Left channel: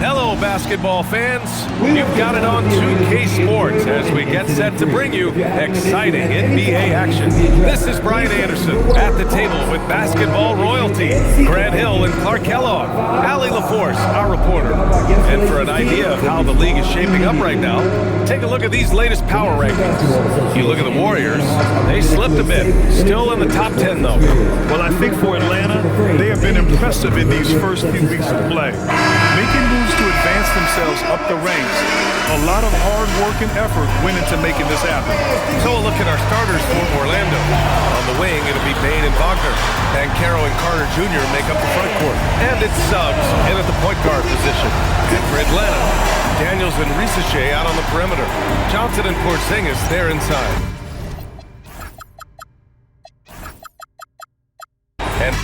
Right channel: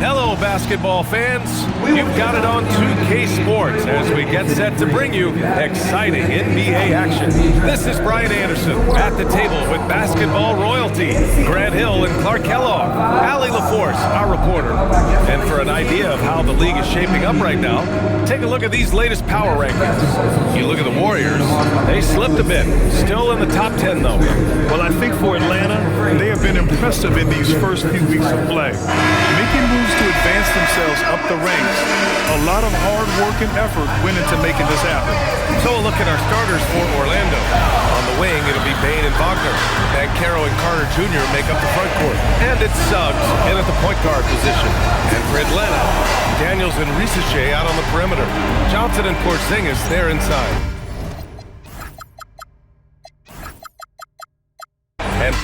Hello, basketball fans. You've got it on 2K Sports as we get set to bring you exciting NBA action. This is Brian Anderson at the table with basketball royalty, Grant Hill and Clark Kellogg, Allie LaForce, our reporter. And for an idea of how the league is shaping up right now, take a look at these latest power rankings. You look at the Warriors, they slipped a bit, still in the top 10 though. Well, I think for Atlanta, they have been impressive in these first few weeks of play, making moves to advance themselves up the ranks. A lot of hard work and effort went into making this happen. So a look at our starters for Orlando. On the wing, it'll be Bane and Wagner. Banchero and Carter Jr. make up the front court. And it's Suggs in at the point guard position. And for Atlanta, Daniels and Risache out on the perimeter. Johnson and Porzingis, they're inside. And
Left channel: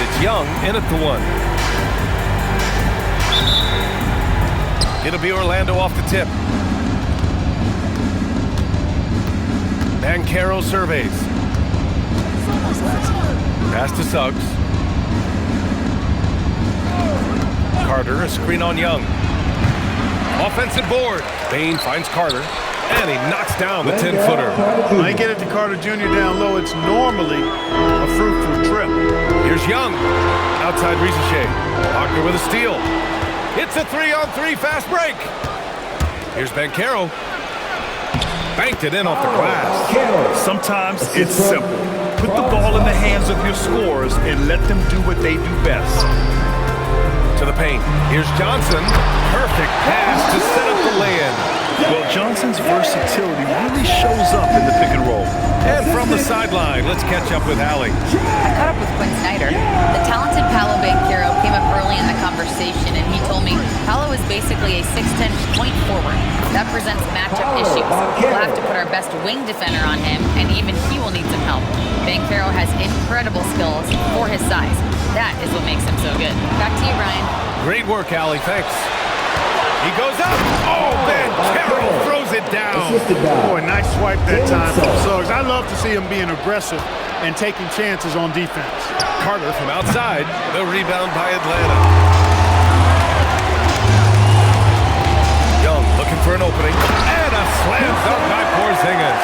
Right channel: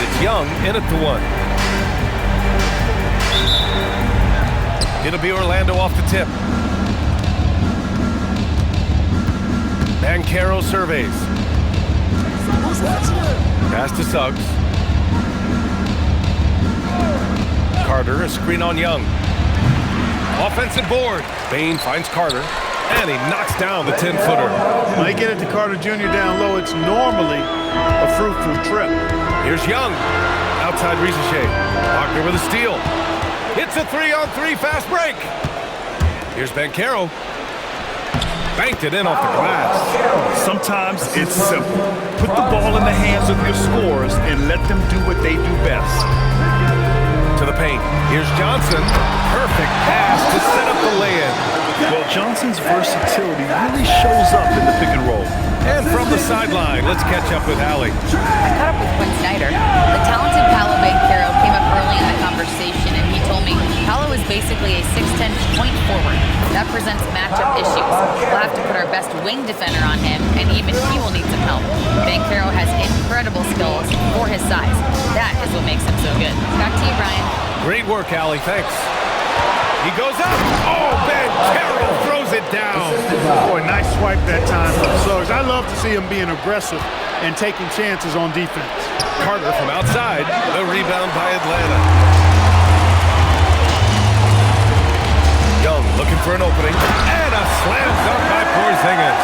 it's Young in at the 1. It'll be Orlando off the tip. Banchero surveys. Pass to Suggs. Carter, a screen on Young. Offensive board. Bane finds Carter, and he knocks down the 10-footer. When they get it to Carter Jr. down low, it's normally a fruitful trip. Here's Young. Outside Risache. Wagner with a steal. It's a 3-on-3 fast break. Here's Banchero. Banked it in off the glass. Sometimes it's simple. Put the ball in the hands of your scorers and let them do what they do best. To the paint. Here's Johnson. Perfect pass to set up the lay-in. Well, Johnson's versatility really shows up in the pick and roll. And from the sideline, let's catch up with Allie. I caught up with Quinn Snyder. The talented Paolo Banchero came up early in the conversation, and he told me Paolo is basically a 6'10" point forward. That presents matchup issues. We'll have to put our best wing defender on him, and even he will need some help. Banchero has incredible skills for his size. That is what makes him so good. Back to you, Brian. Great work, Allie. Thanks. He goes up. Oh, Banchero throws it down. Boy, nice swipe that time from Suggs. I love to see him being aggressive and taking chances on defense. Carter from outside. The rebound by Atlanta. Young looking for an opening. And a slam dunk by Porzingis.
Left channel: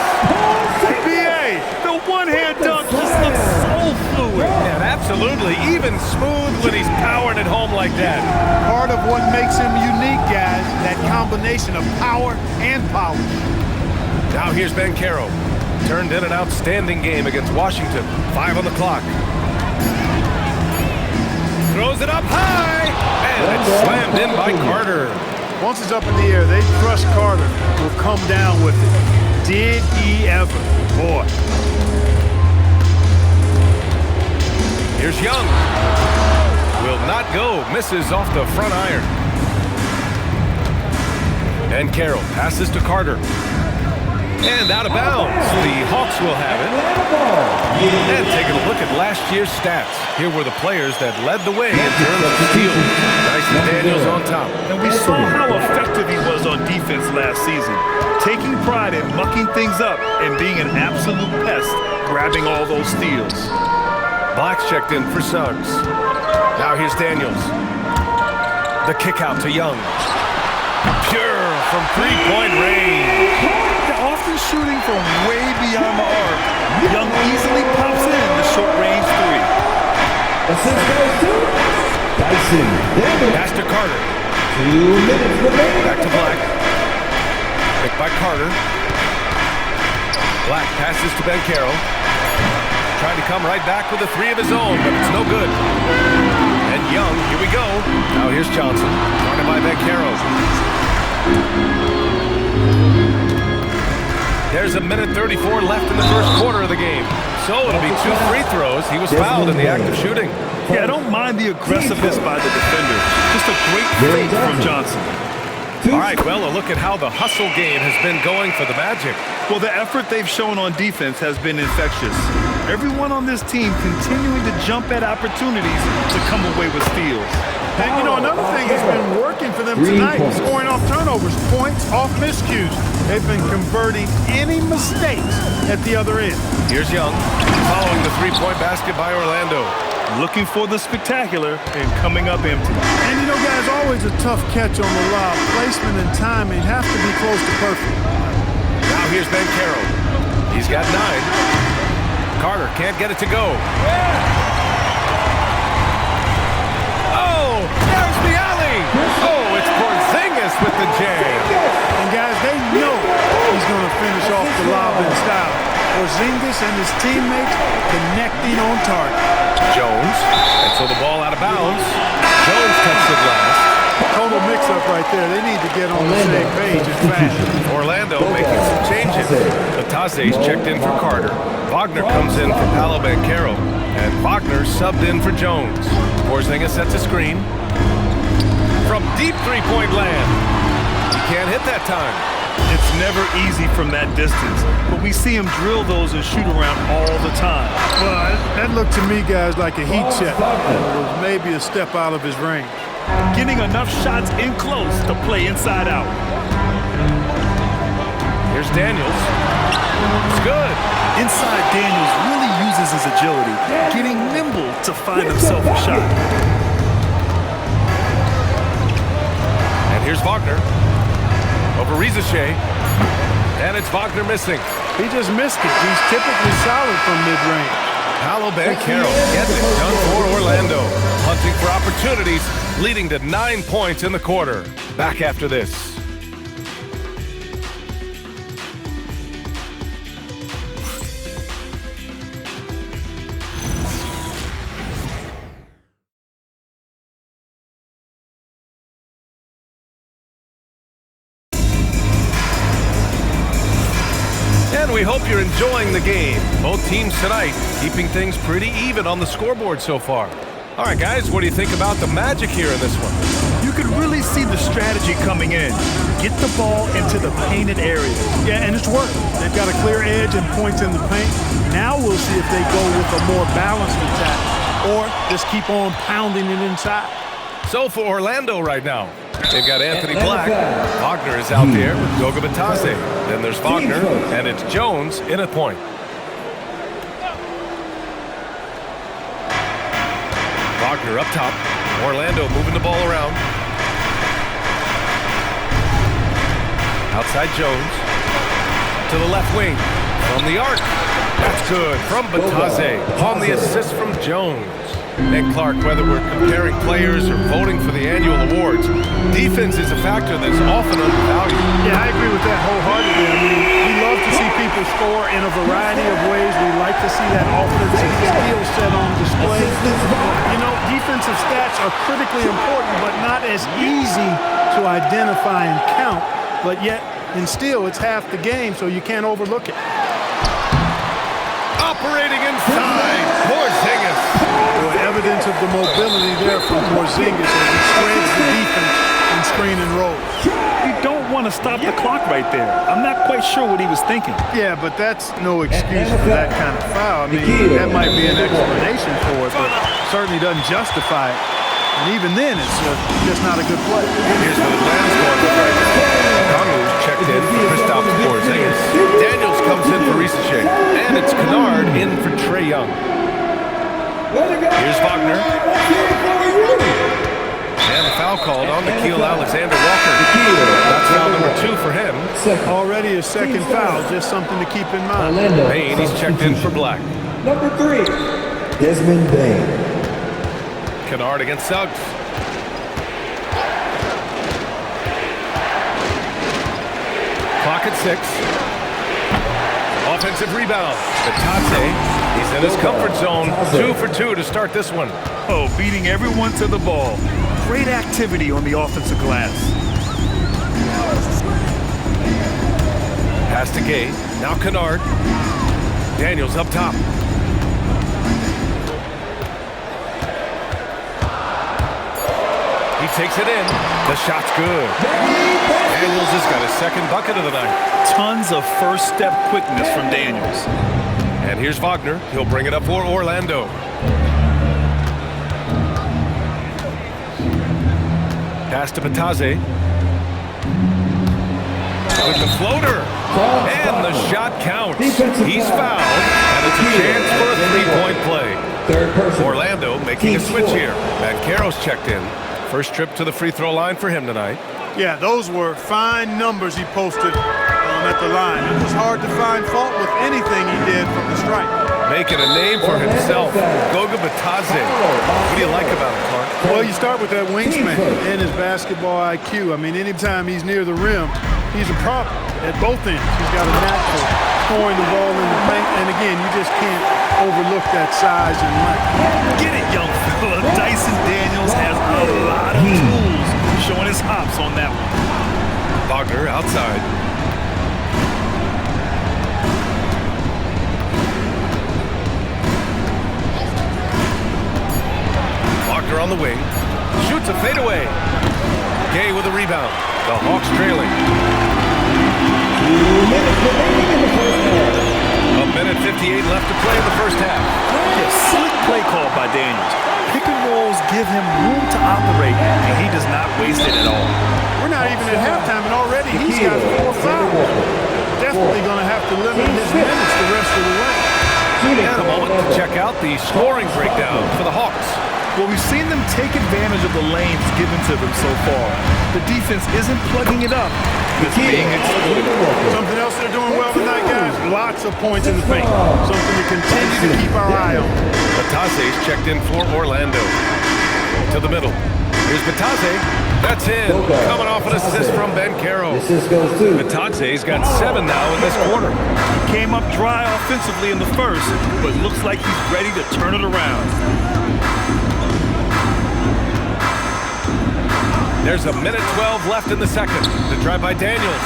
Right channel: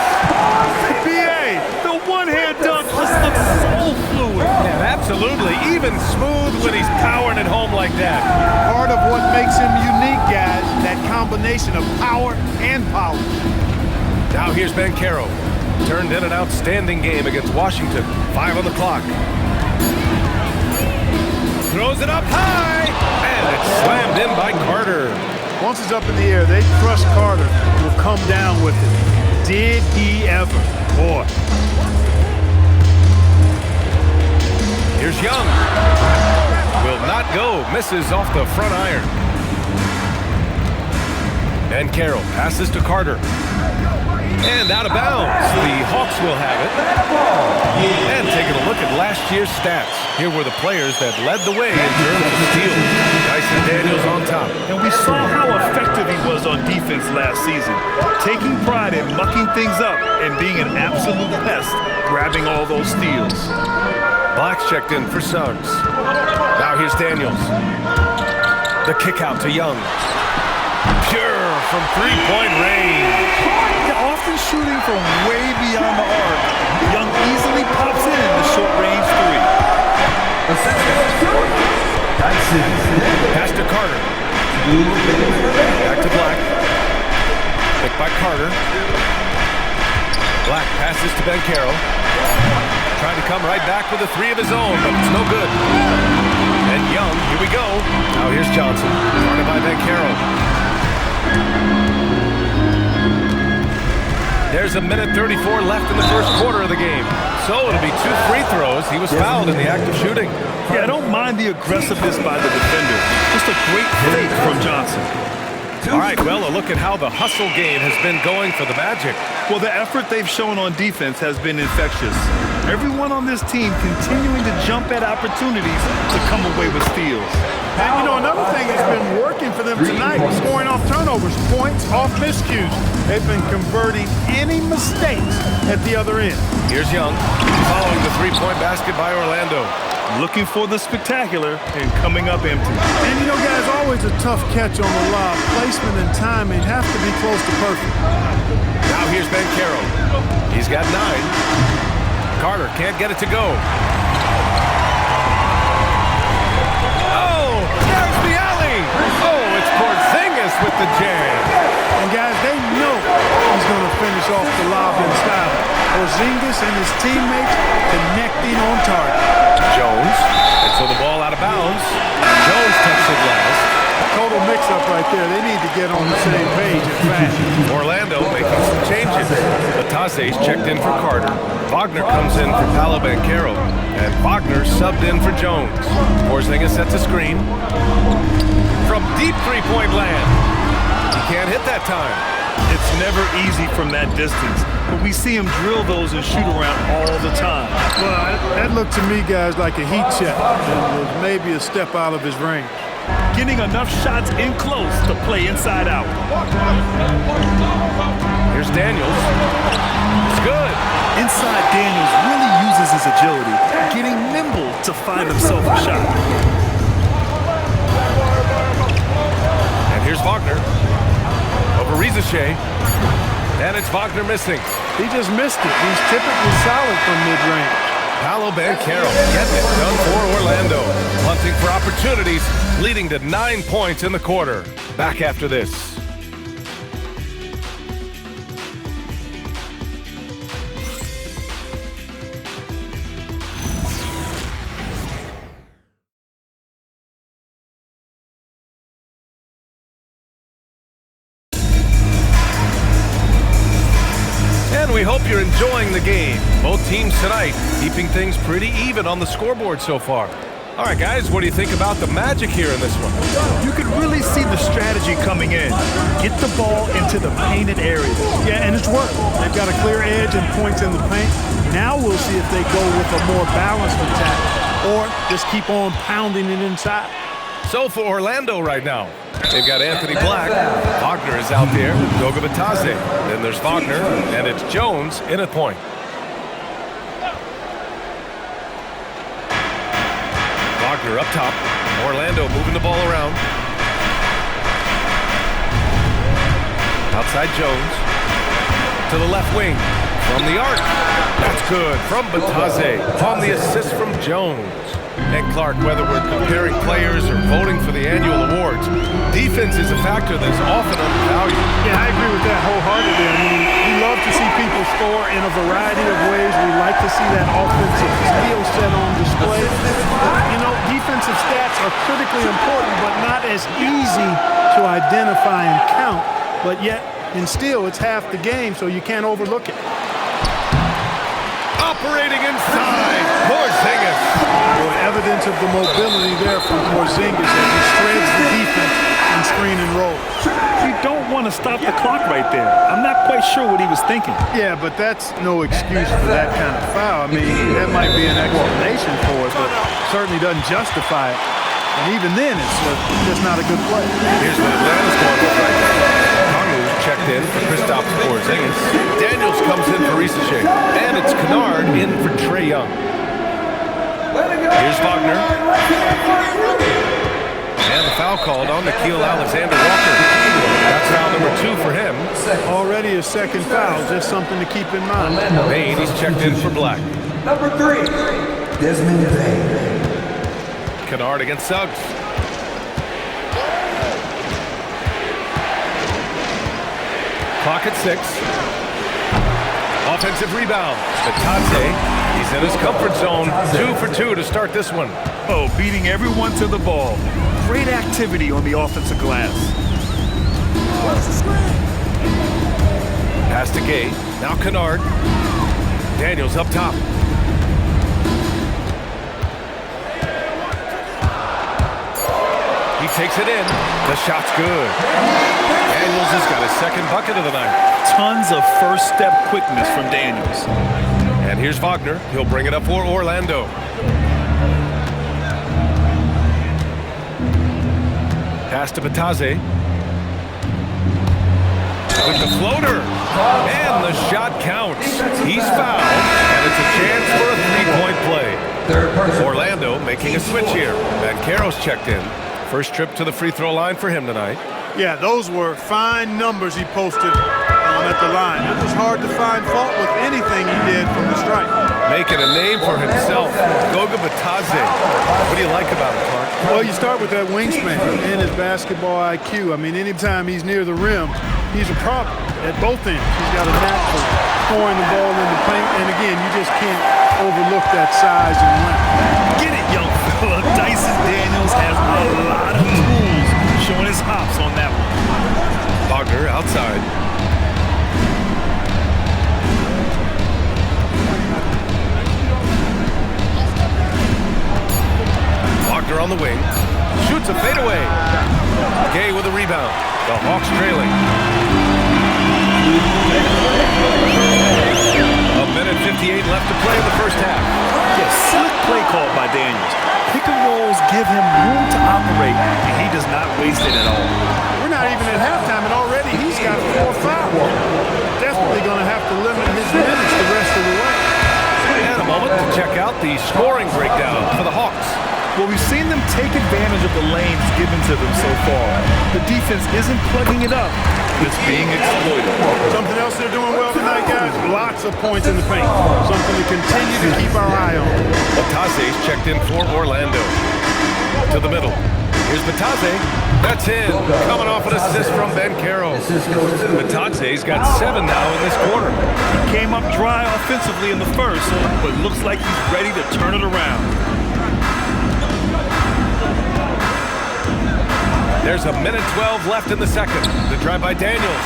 B.A., the one-hand dunk just looks so fluid. And absolutely even smooth when he's powering it home like that. Part of what makes him unique, guys, that combination of power and power. Now here's Banchero. Turned in an outstanding game against Washington. 5 on the clock. Throws it up high. And it's slammed in by Carter. Once it's up in the air, they trust Carter will come down with it. Did he ever? Boy. Here's Young. Will not go. Misses off the front iron. Banchero passes to Carter. And out of bounds. The Hawks will have it. And taking a look at last year's stats. Here were the players that led the way in terms of steals. Dyson Daniels on top. And we saw how effective he was on defense last season, taking pride in mucking things up and being an absolute pest, grabbing all those steals. Black's checked in for Suggs. Now here's Daniels. The kick out to Young. Pure from three-point range. Often shooting from way beyond the arc, Young easily pops in the short-range three. Dyson. Pass to Carter. Back to Black. Picked by Carter. Black passes to Banchero. Trying to come right back with a three of his own, but it's no good. And Young, here we go. Now here's Johnson, guarded by Banchero. There's a minute 34 left in the first quarter of the game. So it'll be 2 free throws. He was fouled in the act of shooting. Yeah, I don't mind the aggressiveness by the defender. Just a great fake from Johnson. All right, well, a look at how the hustle game has been going for the Magic. Well, the effort they've shown on defense has been infectious. Everyone on this team continuing to jump at opportunities to come away with steals. And, you know, another thing that's been working for them tonight is scoring off turnovers, points off miscues. They've been converting any mistakes at the other end. Here's Young, following the three-point basket by Orlando. Looking for the spectacular and coming up empty. And, you know, guys, always a tough catch on the lob. Placement and timing have to be close to perfect. Now here's Banchero. He's got 9. Carter can't get it to go. Oh, there's the alley. Oh, it's Porzingis with the jam. And, guys, they know he's going to finish off the lob in style. Porzingis and his teammates connecting on target. Jones, and so the ball out of bounds. Jones touched it last. Total mix-up right there. They need to get on the same page and fast. Orlando making some changes. Bataze's checked in for Carter. Wagner comes in for Paolo Banchero. And Wagner subbed in for Jones. Porzingis sets a screen. From deep three-point land. He can't hit that time. It's never easy from that distance, but we see him drill those and shoot around all the time. Well, that looked to me, guys, like a heat check. And it was maybe a step out of his range. Getting enough shots in close to play inside out. Here's Daniels. It's good. Inside Daniels really uses his agility, getting nimble to find himself a shot. And here's Wagner. Over Rizachet. And it's Wagner missing. He just missed it. He's typically solid from mid-range. Paolo Banchero getting it done for Orlando. Hunting for opportunities, leading to 9 points in the quarter. Back after this. And we hope you're enjoying the game. Both teams tonight keeping things pretty even on the scoreboard so far. All right, guys, what do you think about the Magic here in this one? You could really see the strategy coming in. Get the ball into the painted area. Yeah, and it's worked. They've got a clear edge and points in the paint. Now we'll see if they go with a more balanced attack or just keep on pounding it inside. So for Orlando right now, they've got Anthony Black. Wagner is out there with Goga Bataze. Then there's Wagner, and it's Jones in at point. Wagner up top. Orlando moving the ball around. Outside Jones. To the left wing. From the arc. That's good. From Bataze. On the assist from Jones. And Clark, whether we're comparing players or voting for the annual awards, defense is a factor that is often undervalued. Yeah, I agree with that wholeheartedly. I mean, we love to see people score in a variety of ways. We like to see that offensive skill set on display. You know, defensive stats are critically important, but not as easy to identify and count. But yet, and still, it's half the game, so you can't overlook it. Operating inside, Porzingis. Boy, evidence of the mobility there from Porzingis as he spreads the defense and screen and rolls. You don't want to stop the clock right there. I'm not quite sure what he was thinking. Yeah, but that's no excuse for that kind of foul. I mean, that might be an explanation for it, but certainly doesn't justify it. And even then, it's just not a good play. Here's what Atlanta's going with right now. Kongu's checked in for Kristaps Porzingis. Daniels comes in for Rizachet. And it's Kennard in for Trae Young. Here's Wagner. And the foul called on Nickeil Alexander-Walker. That's foul number 2 for him. Already a second foul, just something to keep in mind. Bain, he's checked in for Black. Number 3, Desmond Bain. Kennard against Suggs. Clock at 6. Offensive rebound. Bataze, he's in his comfort zone. 2 for 2 to start this one. Oh, beating everyone to the ball. Great activity on the offensive glass. Pass to Gay. Now Kennard. Daniels up top. He takes it in. The shot's good. Daniels has got his second bucket of the night. Tons of first step quickness from Daniels. And here's Wagner. He'll bring it up for Orlando. Pass to Bataze. With the floater. And the shot counts. He's fouled, and it's a chance for a three-point play. Orlando making a switch here. Banchero's checked in. First trip to the free throw line for him tonight. Yeah, those were fine numbers he posted at the line. It was hard to find fault with anything he did from the stripe. Making a name for himself, Goga Bataze. What do you like about him, Clark? Well, you start with that wingspan and his basketball IQ. I mean, anytime he's near the rim, he's a problem at both ends. He's got a knack for scoring the ball in the paint, and again, you just can't overlook that size and length. Get it, young fella. Dyson Daniels has a lot of tools, showing his hops on that one. Wagner outside. Wagner on the wing. Shoots a fadeaway. Gay with a rebound. The Hawks trailing. A minute 58 left to play in the first half. Yeah, slick play call by Daniels. Pick and rolls give him room to operate, and he does not waste it at all. We're not even at halftime, and already he's got 4 fouls. Definitely going to have to limit his minutes the rest of the way. And a moment to check out the scoring breakdown for the Hawks. Well, we've seen them take advantage of the lanes given to them so far. The defense isn't plugging it up. It's being exploited. Something else they're doing well tonight, guys, lots of points in the paint. Something to continue to keep our eye on. Bataze's checked in for Orlando. To the middle. Here's Bataze. That's in. Coming off an assist from Banchero. Bataze's got 7 now in this quarter. He came up dry offensively in the first, but looks like he's ready to turn it around. There's a minute 12 left in the second. The drive by Daniels.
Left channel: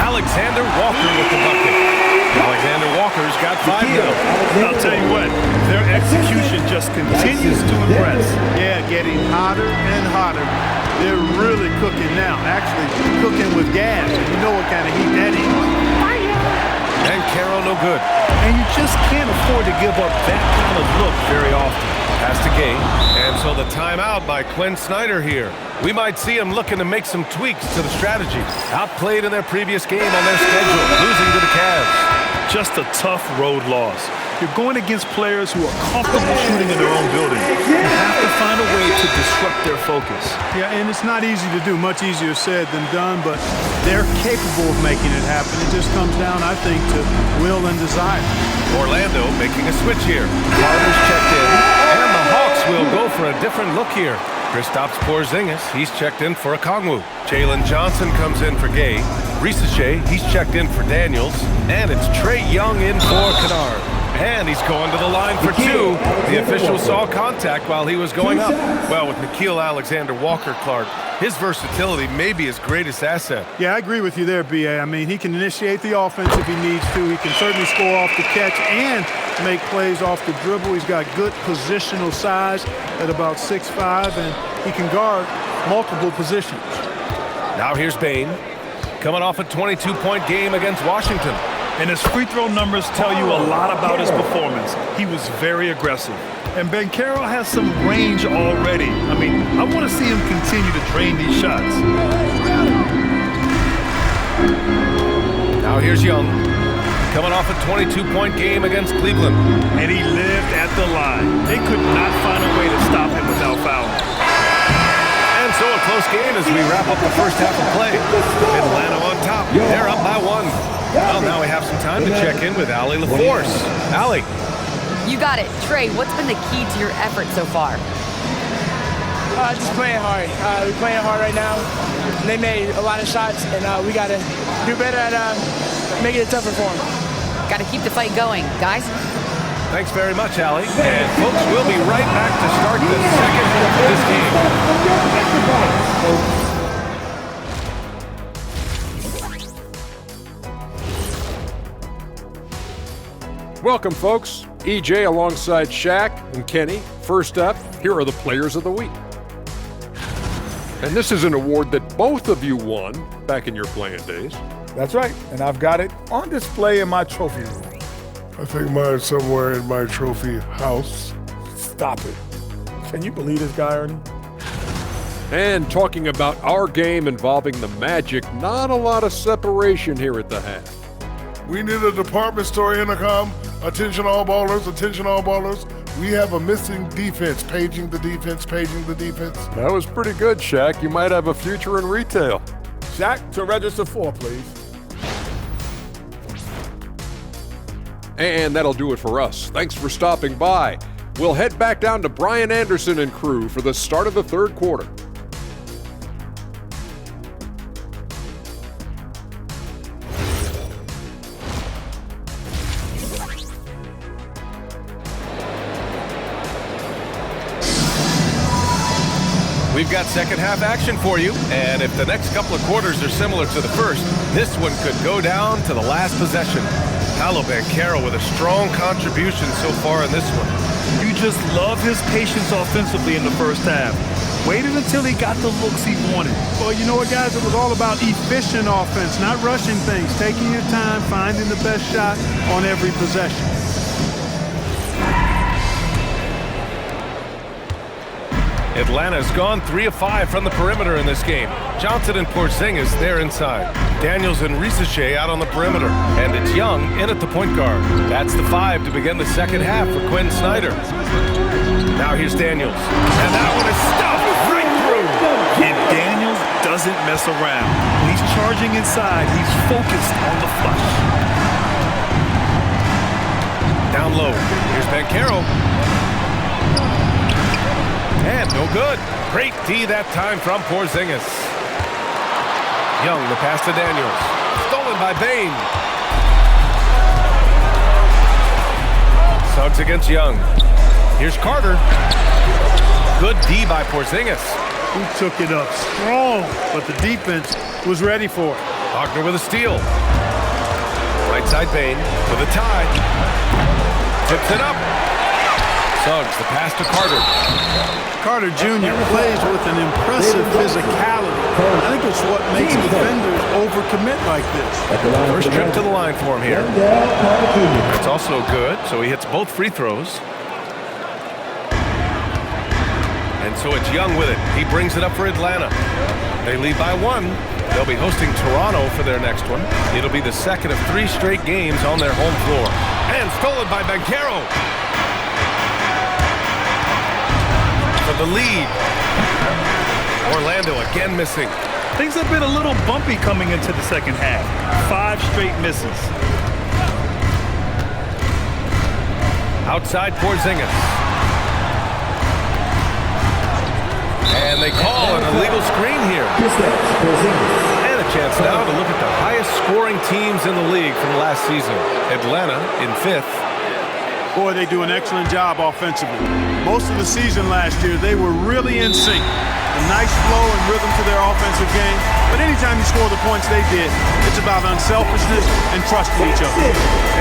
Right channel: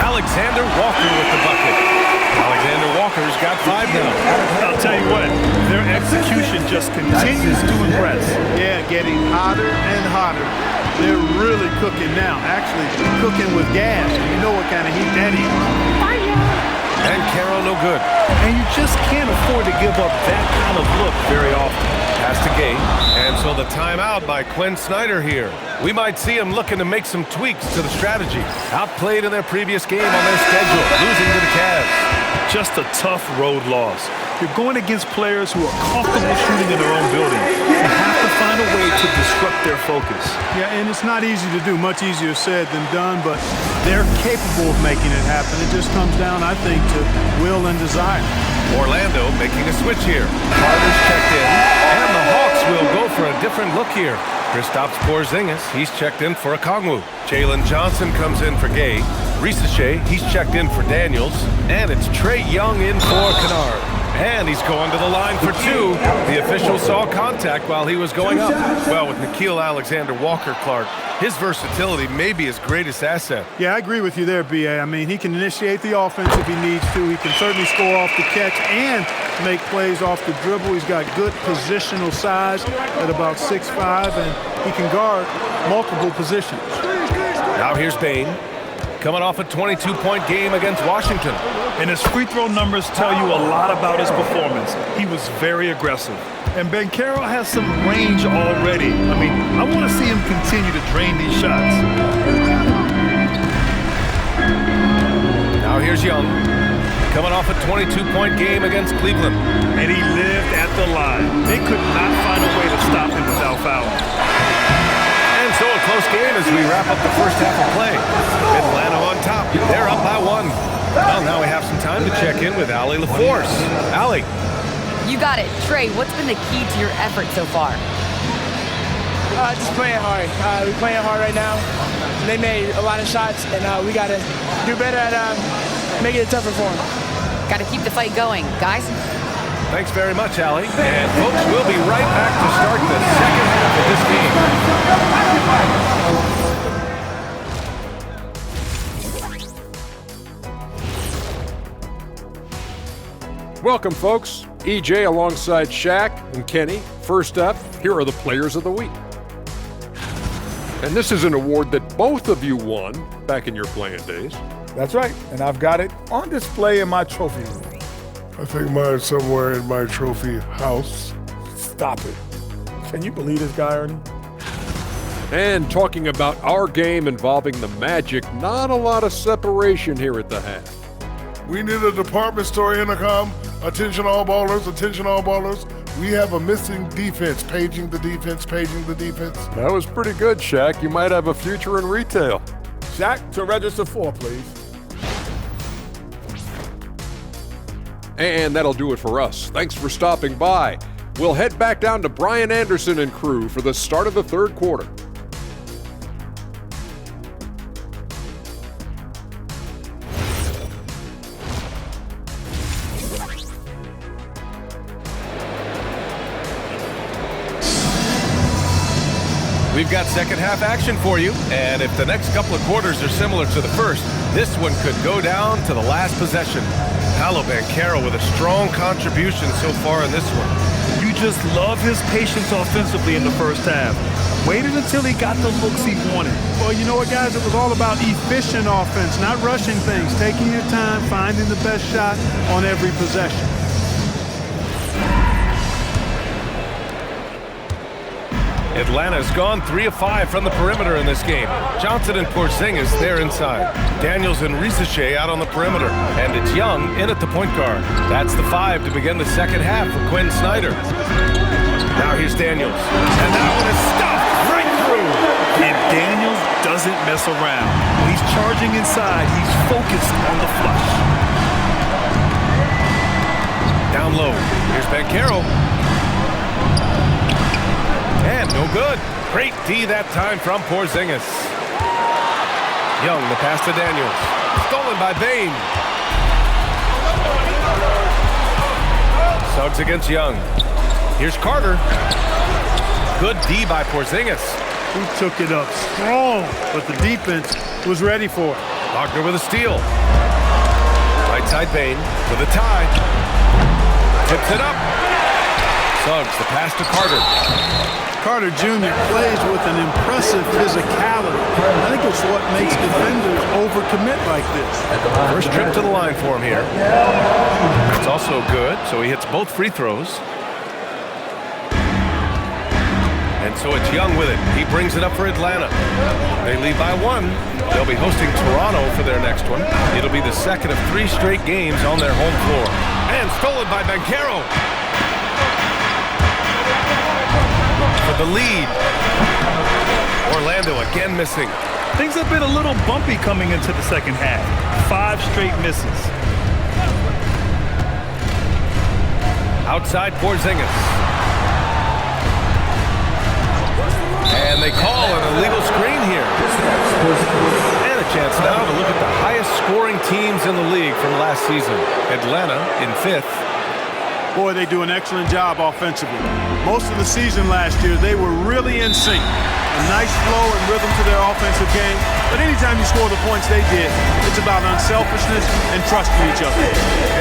Alexander Walker with the bucket. Alexander Walker's got 5 now. I'll tell you what, their execution just continues to impress. Yeah, getting hotter and hotter. They're really cooking now. Actually, cooking with gas, and you know what kind of heat that is. Banchero no good. And you just can't afford to give up that kind of look very often. Pass to Gay. And so the timeout by Quinn Snyder here. We might see him looking to make some tweaks to the strategy. Outplayed in their previous game on their schedule, losing to the Cavs. Just a tough road loss. You're going against players who are comfortable shooting in their own building. You have to find a way to disrupt their focus. Yeah, and it's not easy to do. Much easier said than done, but they're capable of making it happen. It just comes down, I think, to will and desire. Orlando making a switch here. Carter's checked in, and the Hawks will go for a different look here. Kristaps Porzingis, he's checked in for Okongwu. Jalen Johnson comes in for Gay. Risache, he's checked in for Daniels. And it's Trae Young in for Kennard. And he's going to the line for 2. The official saw contact while he was going up. Well, with Nickeil Alexander-Walker, Clark, his versatility may be his greatest asset. Yeah, I agree with you there, B.A. I mean, he can initiate the offense if he needs to. He can certainly score off the catch and make plays off the dribble. He's got good positional size at about 6'5", and he can guard multiple positions. Now here's Bane, coming off a 22-point game against Washington. And his free throw numbers tell you a lot about his performance. He was very aggressive. And Banchero has some range already. I mean, I want to see him continue to drain these shots. Now here's Young, coming off a 22-point game against Cleveland. And he lived at the line. They could not find a way to stop him without fouling. And so a close game as we wrap up the first half of play. Atlanta on top. They're up by 1. Well, now we have some time to check in with Allie LaForce. Allie. You got it. Trey, what's been the key to your effort so far? Just playing hard. We're playing hard right now. They made a lot of shots, and we got to do better at making it tougher for them. Got to keep the fight going. Guys? Thanks very much, Allie. And, folks, we'll be right back to start the second half of this game. Welcome, folks. EJ alongside Shaq and Kenny. First up, here are the players of the week. And this is an award that both of you won back in your playing days. That's right, and I've got it on display in my trophy room. I think mine's somewhere in my trophy house. Stop it. Can you believe this guy, Ernie? And talking about our game involving the Magic, not a lot of separation here at the half. We need a department store intercom. Attention all ballers, attention all ballers. We have a missing defense. Paging the defense, paging the defense. That was pretty good, Shaq. You might have a future in retail. Shaq, to register 4, please. And that'll do it for us. Thanks for stopping by. We'll head back down to Brian Anderson and crew for the start of the third quarter. We've got second half action for you, and if the next couple of quarters are similar to the first, this one could go down to the last possession. Paolo Banchero with a strong contribution so far in this one. You just love his patience offensively in the first half. Waited until he got the looks he wanted. Well, you know what, guys? It was all about efficient offense, not rushing things, taking your time, finding the best shot on every possession. Atlanta's gone 3 of 5 from the perimeter in this game. Johnson and Porzingis there inside. Daniels and Risache out on the perimeter. And it's Young in at the point guard. That's the 5 to begin the second half for Quinn Snyder. Now here's Daniels. And that one is stuffed right through. And Daniels doesn't mess around. When he's charging inside, he's focused on the flush. Down low. Here's Banchero. And no good. Great D that time from Porzingis. Young, the pass to Daniels. Stolen by Bain. Suggs against Young. Here's Carter. Good D by Porzingis. He took it up strong, but the defense was ready for it. Wagner with a steal. Right side Bain for the tie. Tips it up. Suggs, the pass to Carter. Carter Jr. plays with an impressive physicality. I think it's what makes defenders overcommit like this. First trip to the line for him here. That's also good, so he hits both free throws. And so it's Young with it. He brings it up for Atlanta. They lead by 1. They'll be hosting Toronto for their next one. It'll be the second of 3 straight games on their home floor. And stolen by Banchero. For the lead. Orlando again missing. Things have been a little bumpy coming into the second half. 5 straight misses. Outside Porzingis. And they call an illegal screen here. And a chance now to look at the highest scoring teams in the league from last season. Atlanta in 5th. Boy, they do an excellent job offensively. Most of the season last year, they were really in sync. A nice flow and rhythm to their offensive game. But anytime you score the points they did, it's about unselfishness and trusting each other.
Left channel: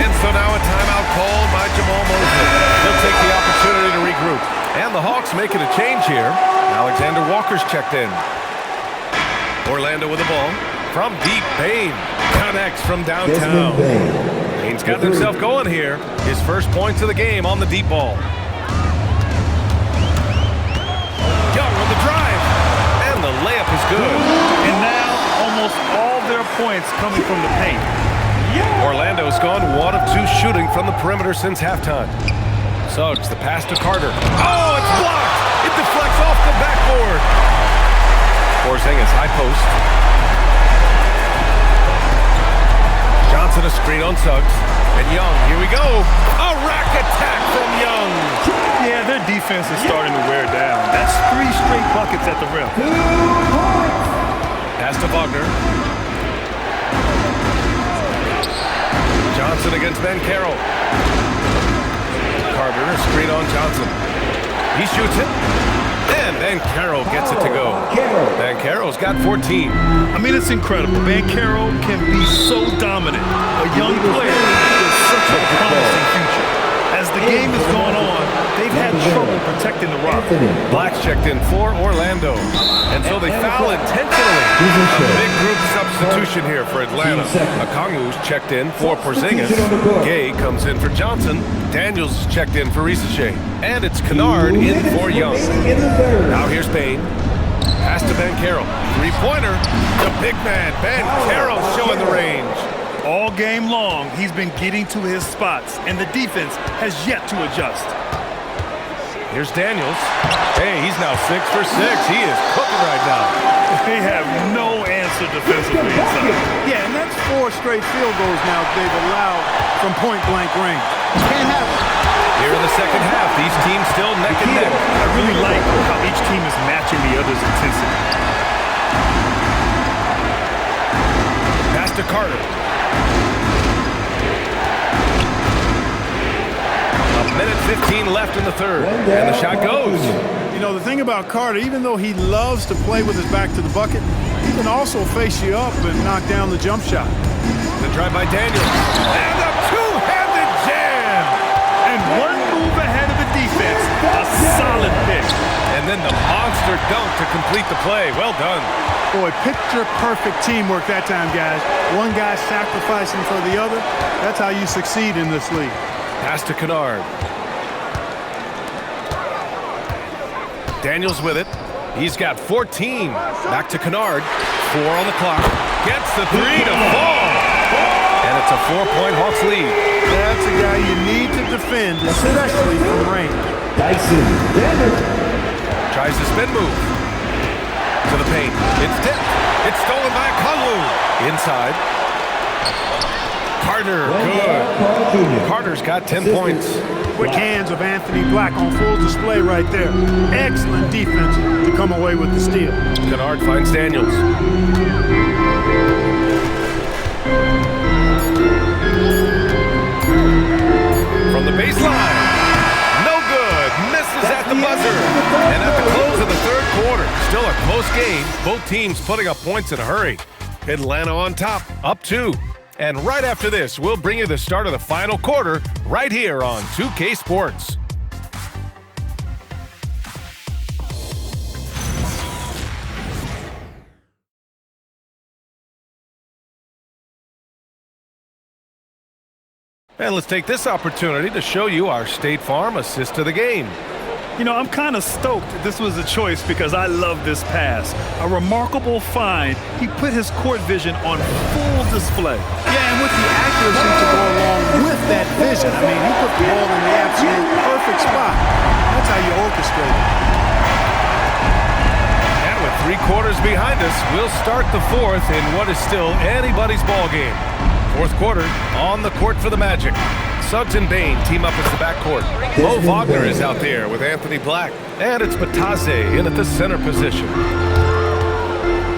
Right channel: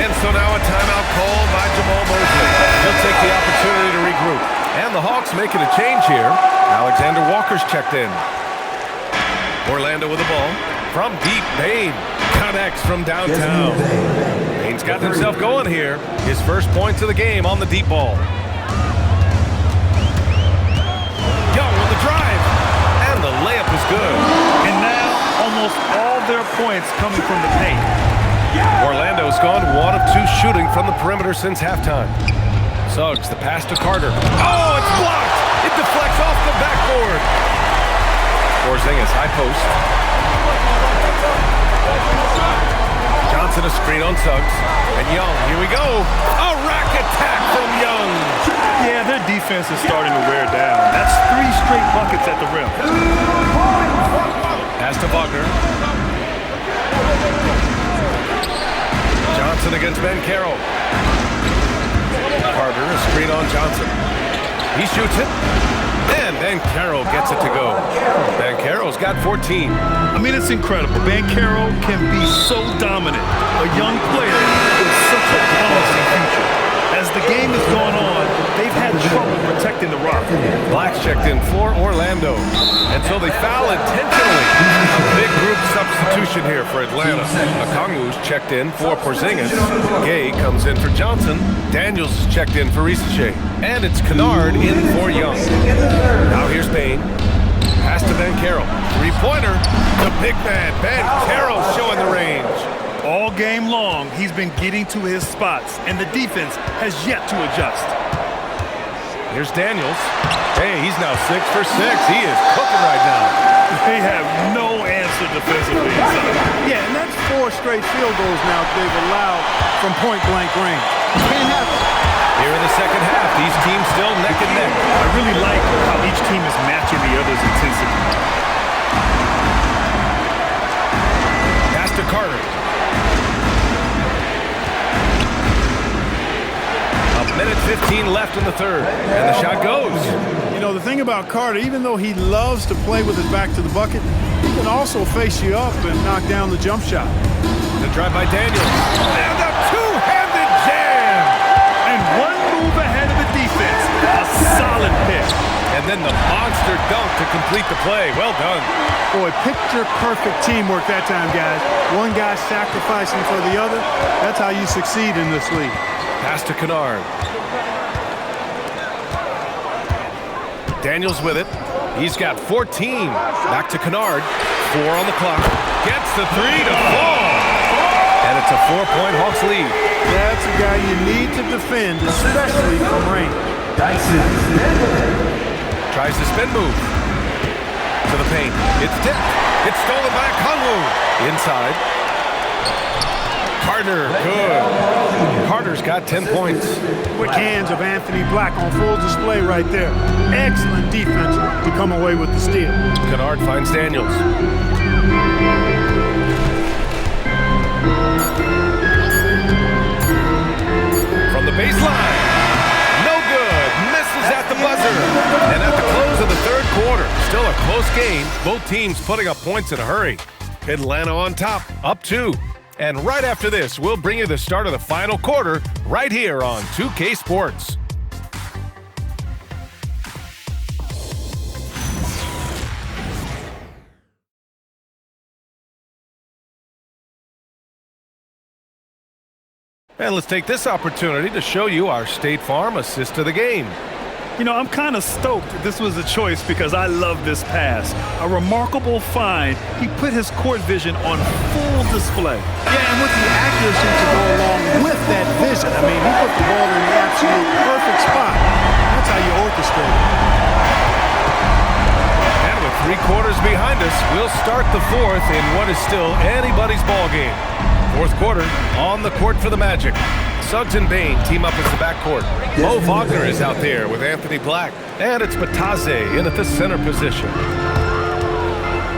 And so now a timeout called by Jamal Mosley. He'll take the opportunity to regroup. And the Hawks making a change here. Alexander Walker's checked in. Orlando with the ball. From deep, Bain connects from downtown. Bain's gotten himself going here. His first points of the game on the deep ball. Young on the drive. And the layup is good. And now almost all their points coming from the paint. Orlando's gone 1 of 2 shooting from the perimeter since halftime. Suggs, the pass to Carter. Oh, it's blocked! It deflects off the backboard. Porzingis, high post. Johnson a screen on Suggs. And Young, here we go. A rack attack from Young. Yeah, their defense is starting to wear down. That's 3 straight buckets at the rim. Pass to Wagner. Johnson against Banchero. Carter, a screen on Johnson. He shoots it. And Banchero gets it to go. Banchero's got 14. I mean, it's incredible. Banchero can be so dominant. A young player with such a promising future. As as the game has gone on, they've had trouble protecting the rock. Black's checked in for Orlando. And so they foul intentionally. A big group substitution here for Atlanta. Okongwu's checked in for Porzingis. Gay comes in for Johnson. Daniels checked in for Risache. And it's Kennard in for Young. Now here's Payne. Pass to Banchero. Three-pointer. The big man, Banchero, showing the range. All game long, he's been getting to his spots, and the defense has yet to adjust. Here's Daniels. Hey, he's now 6 for 6. He is cooking right now. They have no answer defensively inside. Yeah, and that's 4 straight field goals now they've allowed from point-blank range. Can't have it. Here in the second half, these teams still neck and neck. I really like how each team is matching the other's intensity. Pass to Carter. A minute 15 left in the third, and the shot goes. You know, the thing about Carter, even though he loves to play with his back to the bucket, he can also face you up and knock down the jump shot. The drive by Daniels. And a two-handed jam. And one move ahead of the defense. A solid pick. And then the monster dunk to complete the play. Well done. Boy, picture-perfect teamwork that time, guys. One guy sacrificing for the other. That's how you succeed in this league. Pass to Kennard. Daniels with it. He's got 14. Back to Kennard. 4 on the clock. Gets the 3 to fall. And it's a 4-point Hawks lead. That's a guy you need to defend, especially from range. Tries the spin move. To the paint. It's tipped. It's stolen by Okongwu. Inside. Carter, good. Carter's got 10 points. Quick hands of Anthony Black on full display right there. Excellent defense to come away with the steal. Kennard finds Daniels. From the baseline. No good. Misses at the buzzer. And at the close of the third quarter, still a close game. Both teams putting up points in a hurry. Atlanta on top, up 2. And right after this, we'll bring you the start of the final quarter right here on 2K Sports. And let's take this opportunity to show you our State Farm assist to the game. You know, I'm kind of stoked this was a choice because I love this pass. A remarkable find. He put his court vision on full display. Yeah, and with the accuracy to go along with that vision. I mean, he put the ball in the absolute perfect spot. That's how you orchestrate it. And with 3 quarters behind us, we'll start the fourth in what is still anybody's ball game. Fourth quarter, on the court for the Magic. Suggs and Bain team up as the backcourt. Mo Wagner is out there with Anthony Black. And it's Bataze in at the center position.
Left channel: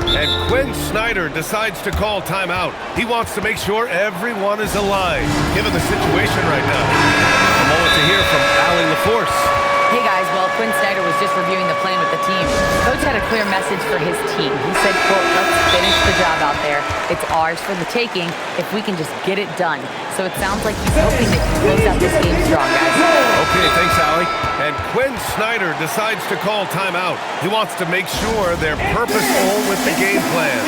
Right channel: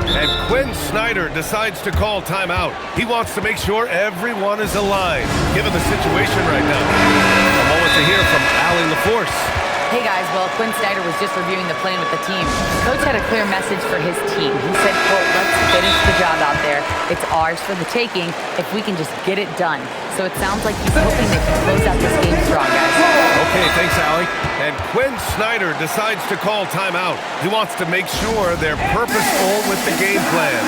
And Quinn Snyder decides to call timeout. He wants to make sure everyone is aligned, given the situation right now. A moment to hear from Allie LaForce. Hey guys, well, Quinn Snyder was just reviewing the plan with the team. Coach had a clear message for his team. He said, quote, let's finish the job out there. It's ours for the taking if we can just get it done. So it sounds like he's hoping they can close out this game strong, guys. Okay, thanks, Allie. And Quinn Snyder decides to call timeout. He wants to make sure they're purposeful with the game plan.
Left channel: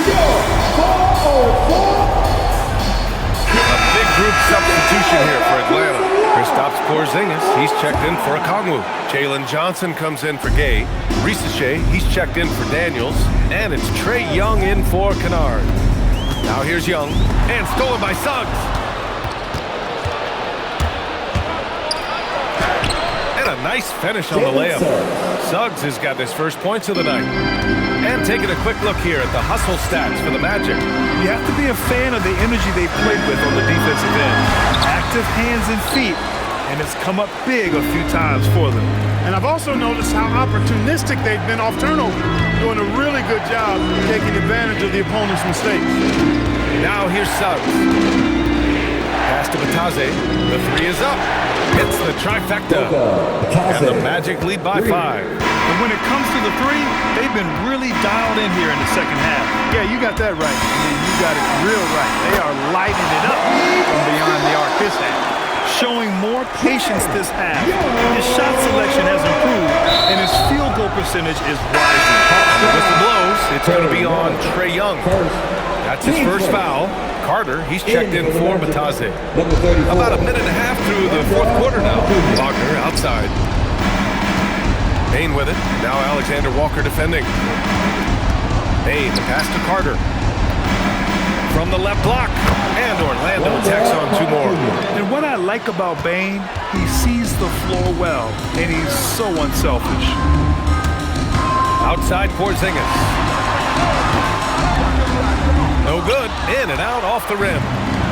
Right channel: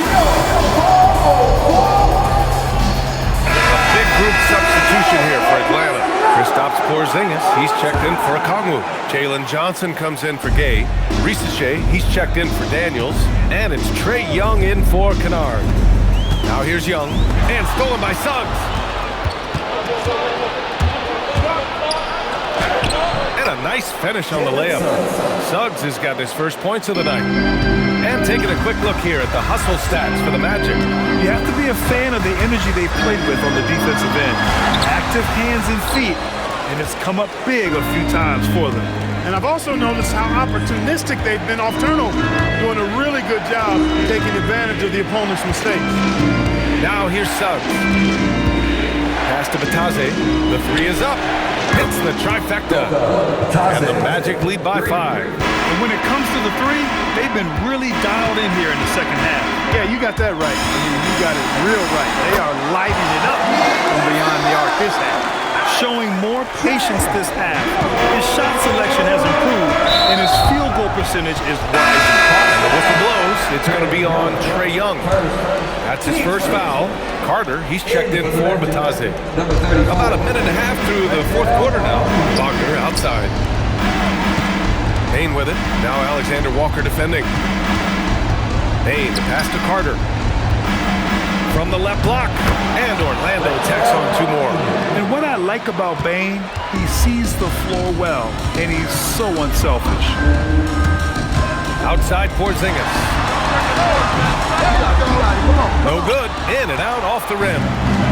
A big group substitution here for Atlanta. Kristaps Porzingis, he's checked in for Okongwu. Jalen Johnson comes in for Gay. Risache, he's checked in for Daniels. And it's Trae Young in for Kennard. Now here's Young, and stolen by Suggs. And a nice finish on the layup. Suggs has got his first points of the night. And taking a quick look here at the hustle stats for the Magic. You have to be a fan of the energy they've played with on the defensive end. Active hands and feet, and it's come up big a few times for them. And I've also noticed how opportunistic they've been off turnover, doing a really good job taking advantage of the opponent's mistakes. Now here's Suggs. Pass to Bataze. The 3 is up. Hits the trifecta. And the Magic lead by 5. And when it comes to the 3, they've been really dialed in here in the second half. Yeah, you got that right. I mean, you got it real right. They are lighting it up from beyond the arc this half. showing more patience this half. His shot selection has improved, and his field goal percentage is rising. And the whistle blows. It's going to be on Trae Young. That's his first foul. Carter, he's checked in for Batase. About a minute and a half through the fourth quarter now. Wagner outside. Payne with it. Now Alexander Walker defending. Payne, the pass to Carter. From the left block. And Orlando tacks on two more. And what I like about Bane, he sees the floor well, and he's so unselfish. Outside Porzingis. No good. In and out off the rim.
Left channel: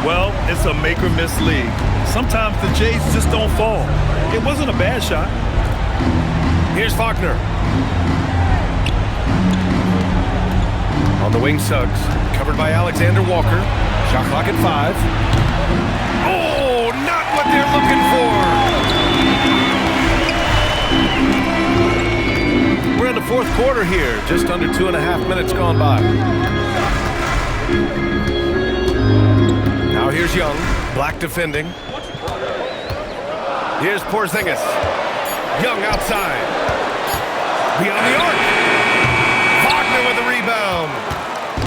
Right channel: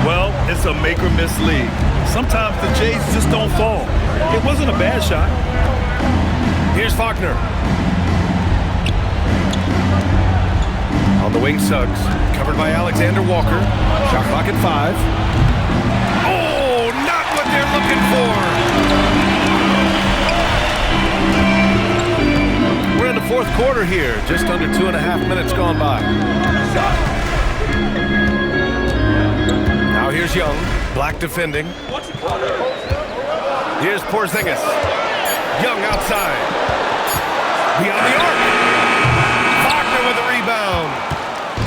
Well, it's a make-or-miss league. Sometimes the Jays just don't fall. It wasn't a bad shot. Here's Wagner. On the wing, Suggs. Covered by Alexander Walker. Shot clock at 5. Oh, not what they're looking for. We're in the fourth quarter here. Just under 2.5 minutes gone by. Now here's Young. Black defending. Here's Porzingis. Young outside. Beyond the arc. Wagner with the rebound.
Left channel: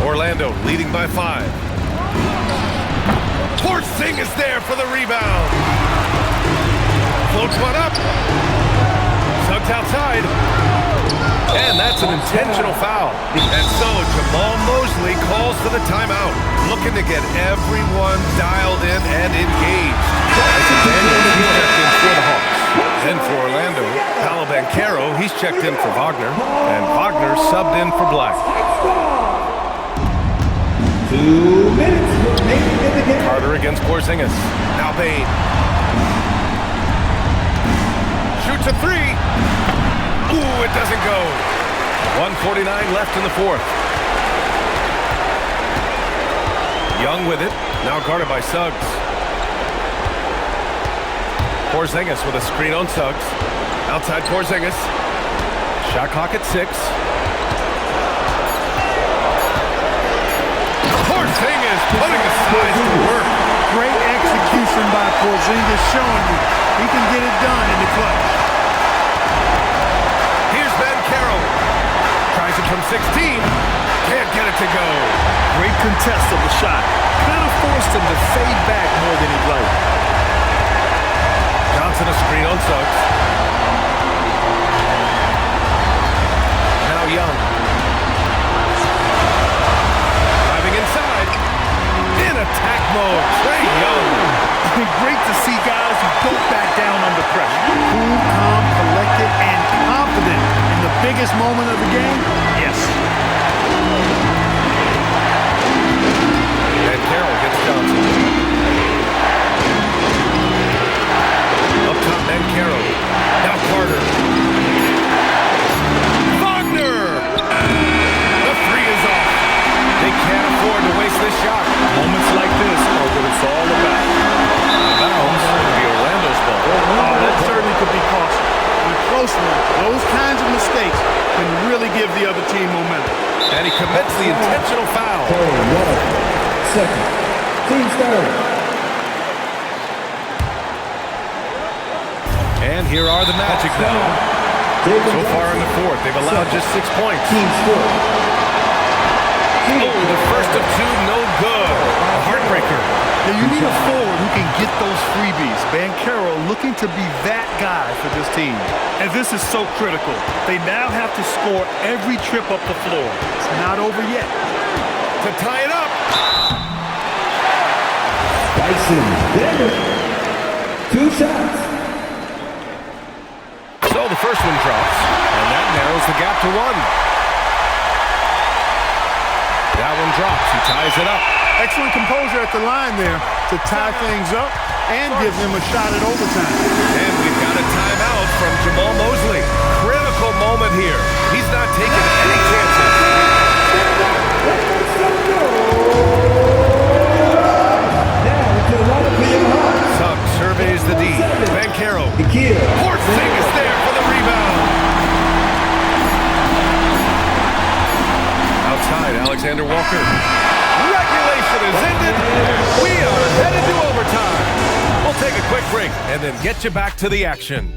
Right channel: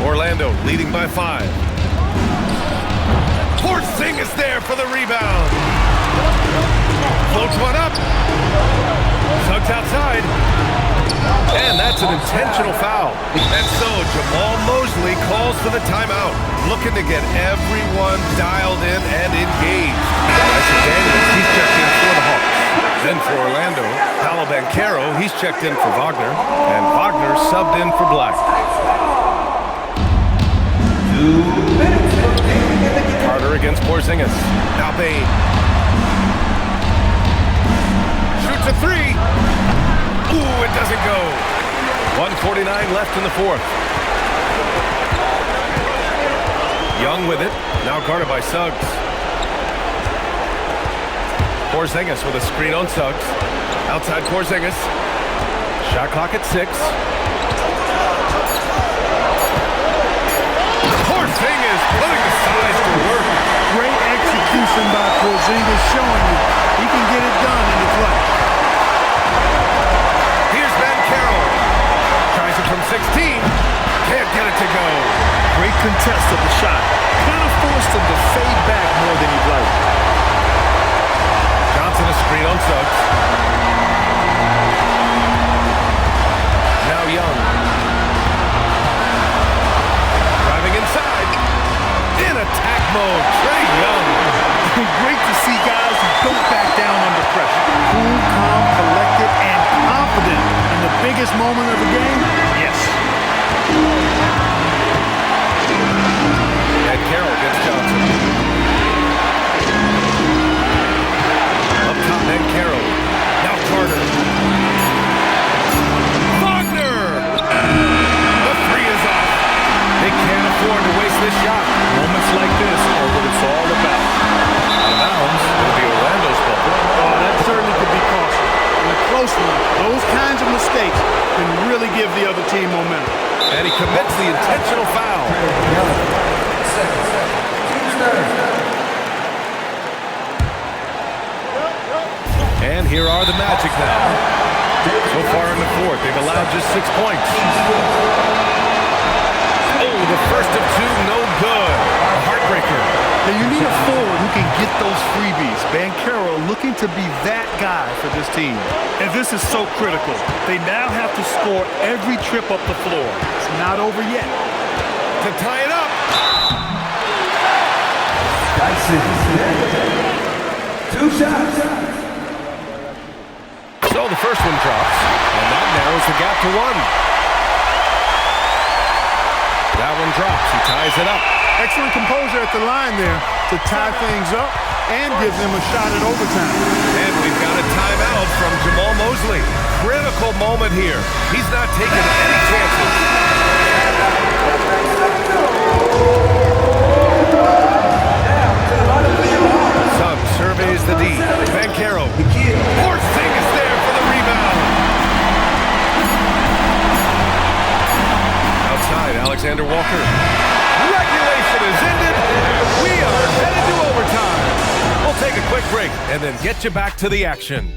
Orlando leading by 5. Porzingis there for the rebound. Floats one up. Suggs outside. And that's an intentional foul. And so Jamal Mosley calls for the timeout, looking to get everyone dialed in and engaged. Dyson Daniels, he's checked in for the Hawks. Then for Orlando, Paolo Banchero, he's checked in for Wagner. And Wagner subbed in for Black. 2 minutes. Carter against Porzingis. Now Bane. Shoots a 3. Ooh, it doesn't go. 1:49 left in the fourth. Young with it. Now guarded by Suggs. Porzingis with a screen on Suggs. Outside Porzingis. Shot clock at 6. Porzingis putting the size to work. Great execution by Porzingis, showing you he can get it done in the clutch. Here's Banchero. Tries it from 16. Can't get it to go. Great contest of the shot. Kind of forced him to fade back more than he'd like. Johnson a screen on Suggs. Now Young. Driving inside. In attack mode, Trae Young. Great to see guys who don't back down under pressure. Cool, calm, collected, and confident in the biggest moment of the game. Yes. And Carroll gets Johnson. Up top, Banchero. Now Carter. Wagner! The 3 is off. They can't afford to waste this shot. Moments like this are what it's all about. Out of bounds. It'll be Orlando's ball. Oh, that certainly could be costly. In a close one, those kinds of mistakes can really give the other team momentum. And he commits the intentional foul. 11 seconds. Team started. And here are the Magic now. So far in the fourth, they've allowed just 6 points. Oh, the first of 2, no good. A heartbreaker. Now you need a forward who can get those freebies. Banchero looking to be that guy for this team. And this is so critical. They now have to score every trip up the floor. It's not over yet. To tie it up. Dyson Daniels. 2 shots. So the first one drops, and that narrows the gap to 1. That one drops. He ties it up. Excellent composure at the line there to tie things up and give them a shot at overtime. And we've got a timeout from Jamal Mosley. Critical moment here. He's not taking any chances. Suggs surveys the D. Banchero. Porzingis there for the rebound. Outside, Alexander Walker. Regulation is ended. We are headed to overtime. We'll take a a quick break and then get you back to the action.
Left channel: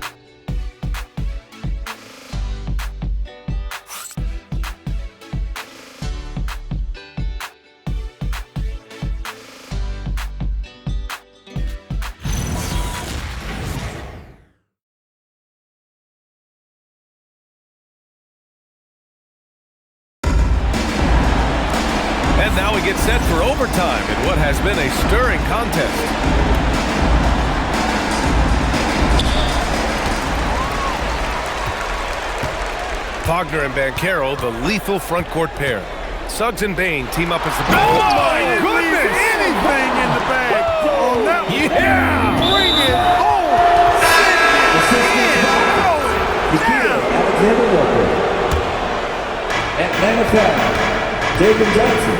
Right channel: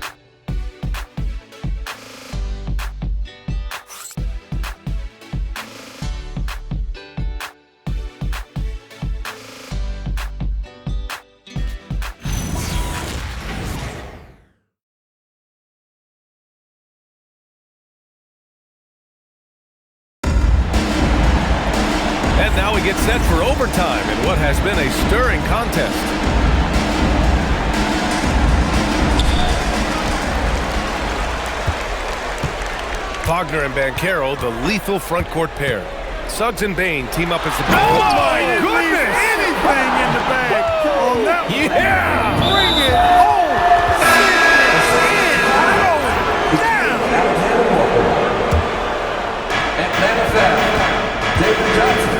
And now we get set for overtime in what has been a stirring contest. Wagner and Banchero, the lethal front court pair. Suggs and Bain team up as the... Oh my goodness! Anything in the bag on that one. Yeah! Bring it home! Send it in! Throw it down! Alexander Walker. Atlanta foul. David Johnson.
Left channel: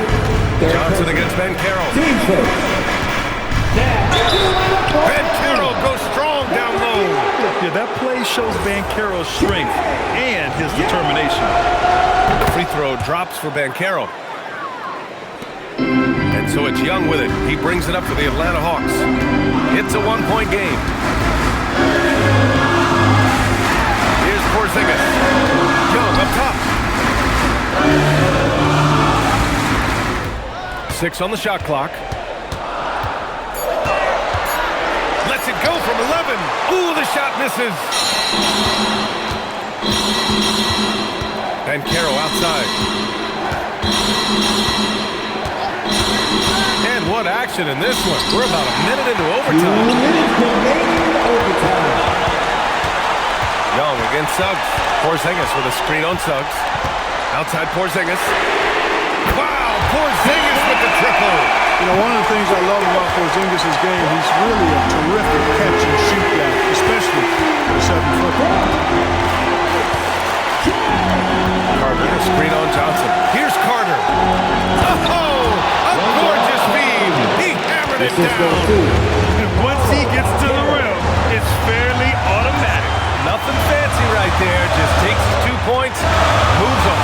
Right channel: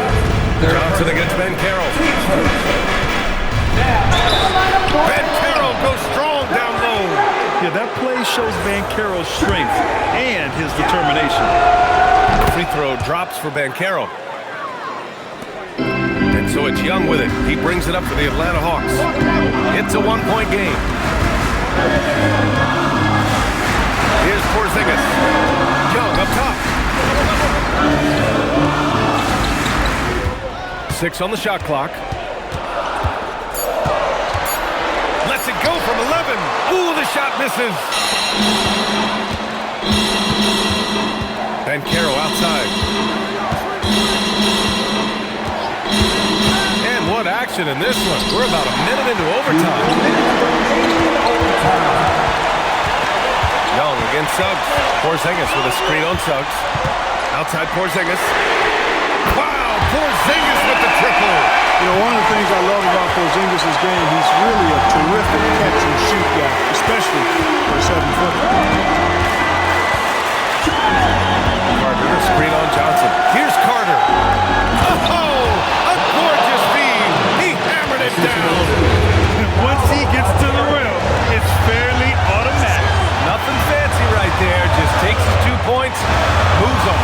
Johnson against Banchero. Team first. Banchero goes strong down low. Yeah, that play shows Banchero's strength and his determination. The free throw drops for Banchero. And so it's Young with it. He brings it up for the Atlanta Hawks. It's a one-point game. Here's Porzingis. Young up top. 6 on the shot clock. Lets it go from 11. Ooh, the shot misses. Banchero outside. And what action in this one. We're about a minute into overtime. Young against Suggs. Porzingis with a screen on Suggs. Outside Porzingis. Wow, Porzingis with the triple. You know, one of the things I love about Porzingis' game, he's really a terrific catch-and-shoot guy, especially for a 7-footer. Carter, a screen on Johnson. Here's Carter. Oh, a gorgeous feed. He hammered it down. And once he gets to the rim, it's fairly automatic. Nothing fancy right there. Just takes his 2 points, moves on.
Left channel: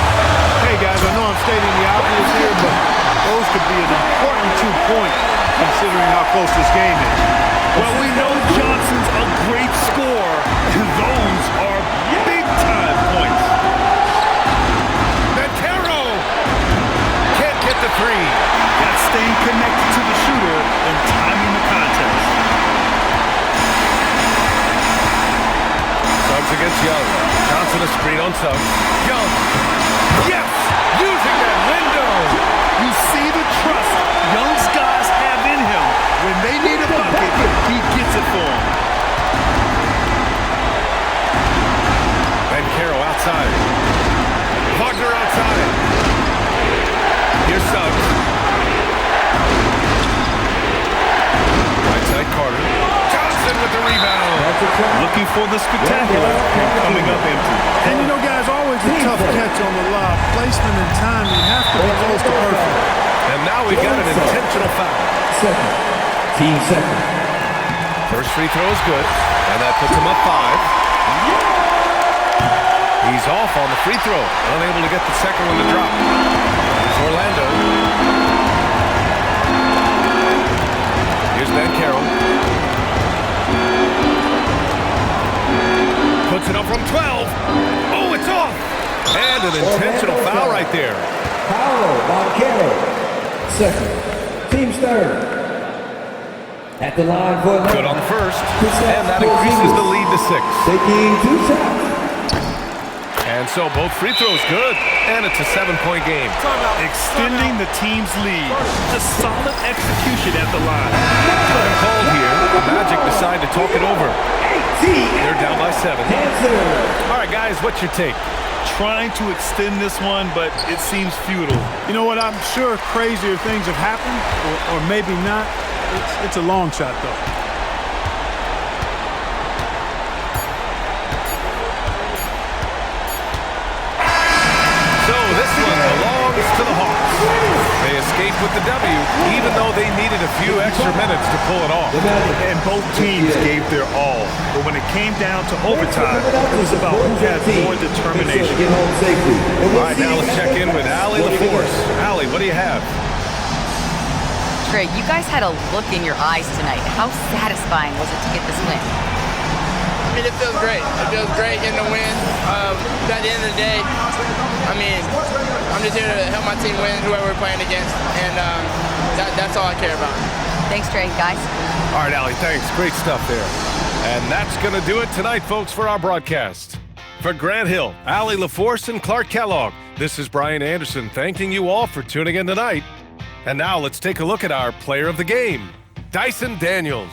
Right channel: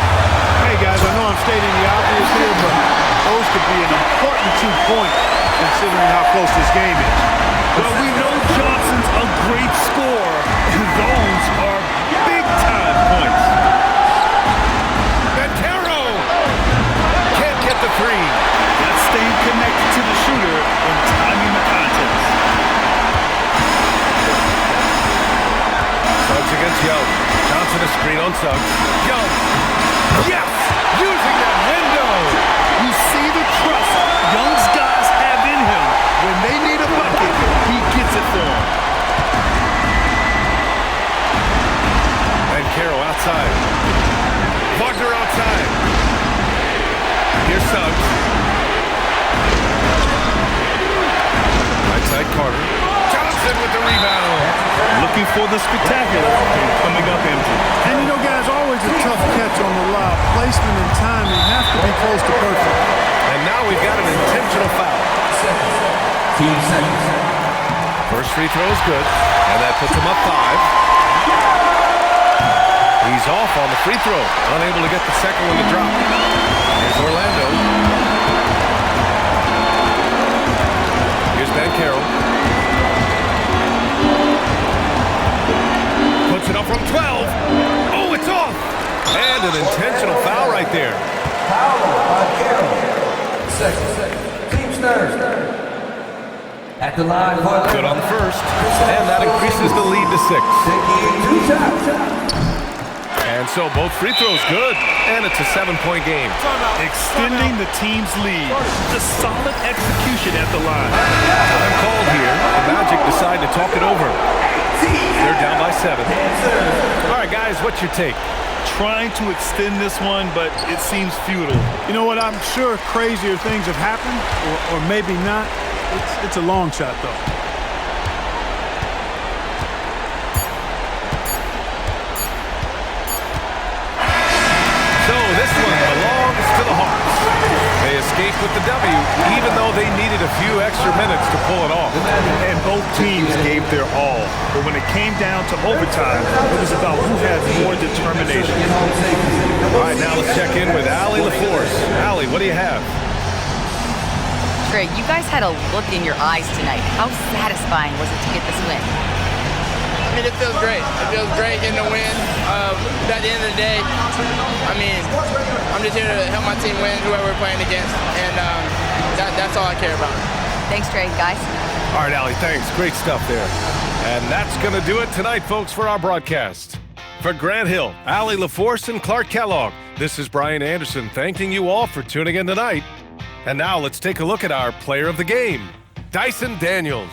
Hey, guys, I know I'm stating the obvious here, but those could be an important 2 points considering how close this game is. Well, we know Johnson's a great scorer, and those are big-time points. Banchero can't get the three. That's staying connected to the shooter and timing the contest. Suggs against Young. Johnson a screen on Suggs. Young. Yes! Using that window. You see the trust Young's guys have in him. When they need a bucket, he gets it for them. Banchero outside. Wagner outside. Here's Suggs. Right side Carter. Johnson with the rebound. Looking for the spectacular and coming up empty. And you know, guys, always a tough catch on the lob. Placement and timing have to be close to perfect. And now we've got an intentional foul. Second. Team second. First free throw is good, and that puts him up 5. He's off on the free throw, unable to get the second one to drop. Here's Orlando. Here's Banchero. Puts it up from 12. Oh, it's off! And an intentional foul right there. Paolo Banchero. Second. Team third. At the line for Good on the first, and that increases the lead to 6. taking 2 shots. And so both free throws good, and it's a 7-point game. Extending the team's lead. Just solid execution at the line. Time called here. The Magic decide to talk it over. They're down by 7. All right, guys, what's your take? Trying to extend this one, but it seems futile. You know what? I'm sure crazier things have happened, or maybe not. It's a long shot, though. So this one belongs to the Hawks. They escaped with the W, even though they needed a few extra minutes to pull it off. And both teams gave their all. But when it came down to overtime, it was about who had more determination. Get home safely. All right, now let's check in with Allie LaForce. Allie, what do you have? Trey, you guys had a look in your eyes tonight. How satisfying was it to get this win? I mean, it feels great. It feels great getting the win. At the end of the day, I mean, I'm just here to help my team win, whoever we're playing against, and that's all I care about. Thanks, Trey. Guys? All right, Allie, thanks. Great stuff there. And that's going to do it tonight, folks, for our broadcast. For Grant Hill, Allie LaForce, and Clark Kellogg, this is Brian Anderson thanking you all for tuning in tonight. And now let's take a look at our player of the game, Dyson Daniels.